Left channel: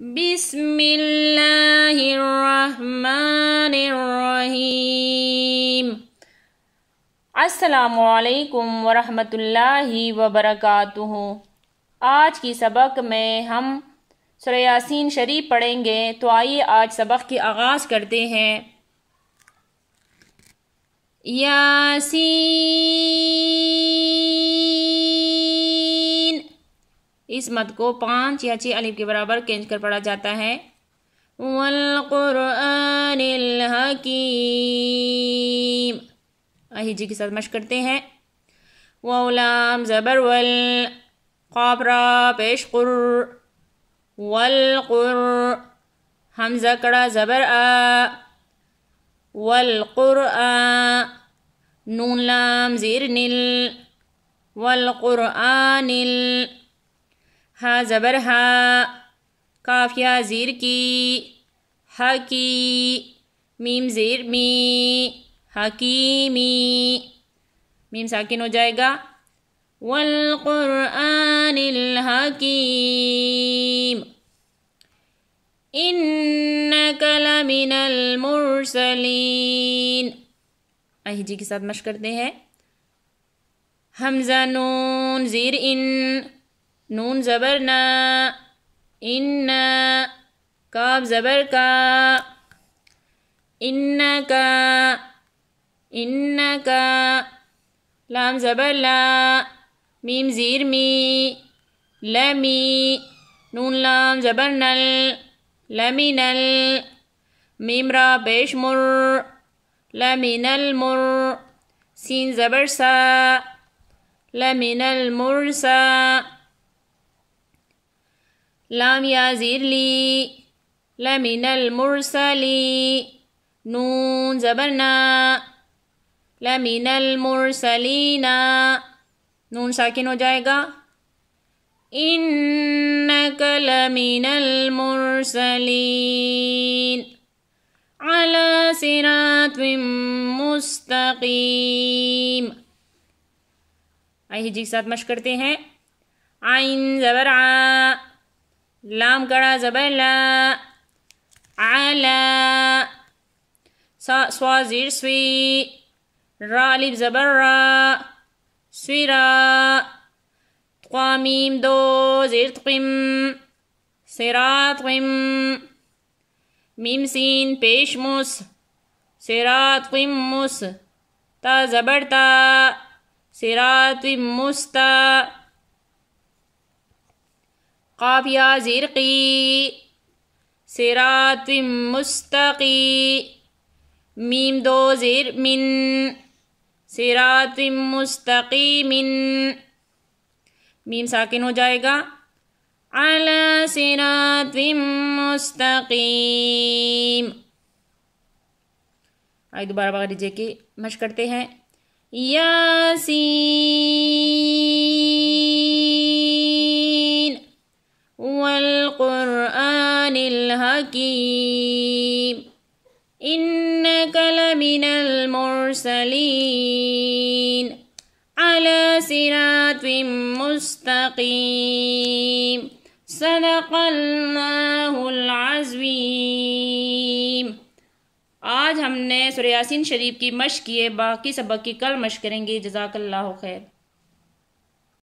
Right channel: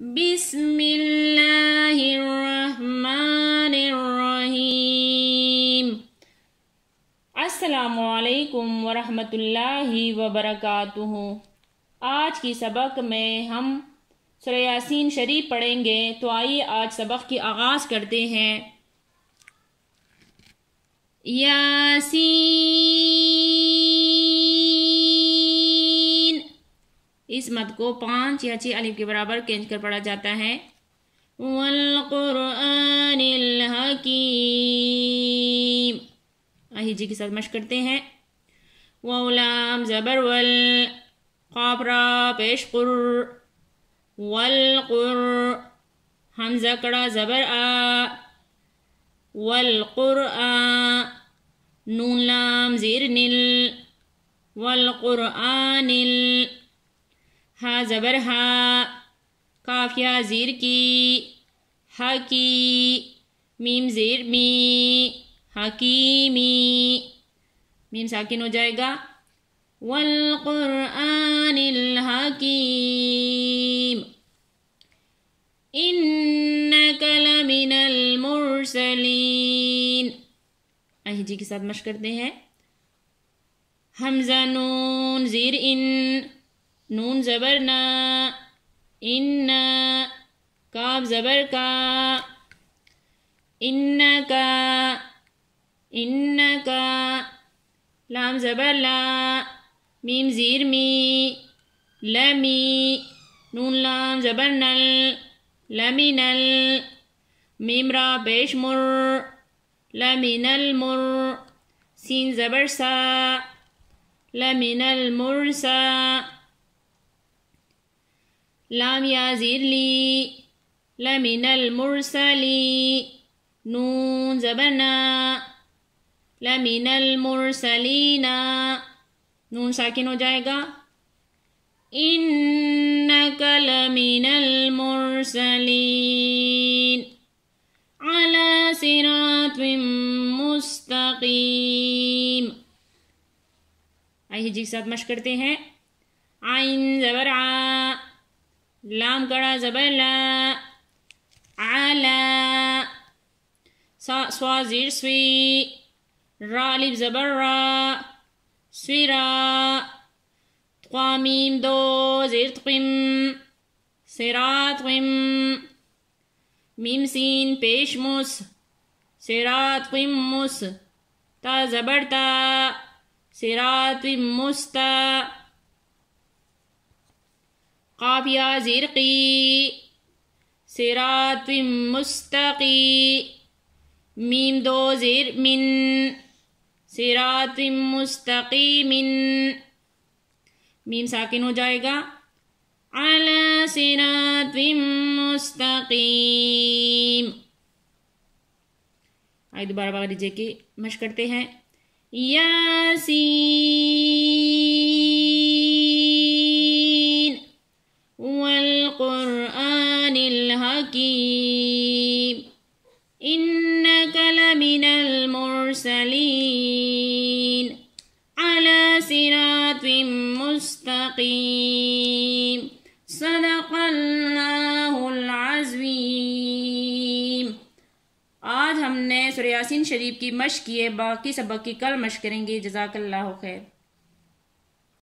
بسم اللہ الرحمن الرحیم۔ السلام علیکم ورحمۃ اللہ وبرکاتہ۔ آج کی سبق میں ہم سورہ یاسین شریف پڑھیں گے، تو آئیے آج سبق کی آغاز کرتے ہیں۔ یاسین، اس مد کو 5 یا 6 الف کے برابر کھینچ کر پڑھا جاتا ہے۔ والقرآن الحکیم، آہی جی کے ساتھ مشق کرتے ہیں۔ واو لام زبر ول، قاف را پیش قر، والقر، حمزہ کڑا زبر آ، والقرآن، نون لام زیر نل، والقرآن ہا زبر ہا، کاف یا زیر کی، ہا کی، میم زیر می، حکیمی، میم ساکن ہو جائے گا۔ والقرآن الحکیم انک لمن المرسلین، آہی جی کے ساتھ مشق کرتے ہیں۔ حمزہ نون زیر ان، نون زبر نا، ان، کاف زبر کا، انکا، انکا، لام زبر لا، میم زیر می، لمی، نون لام زبر نل، لمنل، میم را پیش مر، لمن المر، سین زبر سا، لمن المرسا، لام یا زیر لی، لمن المرسلی، نون زبرنا، لمن المرسلینا، نون ساکن ہو جائے گا۔ انک لمن المرسلین علی صراط مستقیم، آئیے جی کے ساتھ مشق کرتے ہیں۔ عین زبر آ، لام کڑا زبر لا، علا، سوا زیر سوی، را الف زبر را، سورا، قوامیم دو زیر تقم، صراط قم، میم سین پیش مس، صراط قم مس، تا زبر تا، صراط مستا، قاف یا زیر قی، صراط مستقی، میم دو زیر من، صراط مستقیم، میم ساکن ہو جائے گا۔ علی صراط مستقیم، آئے دوبارہ بغیر ڈیجے کی مشق کرتے ہیں۔ یاسین والقرآن الحکیم انک لمن المرسلین علی صراط مستقیم صدق اللہ العظیم۔ آج ہم نے سورہ یاسین شریف کی مشق کی ہے، باقی سبق کی کل مشق کریں گے۔ جزاک اللہ خیر۔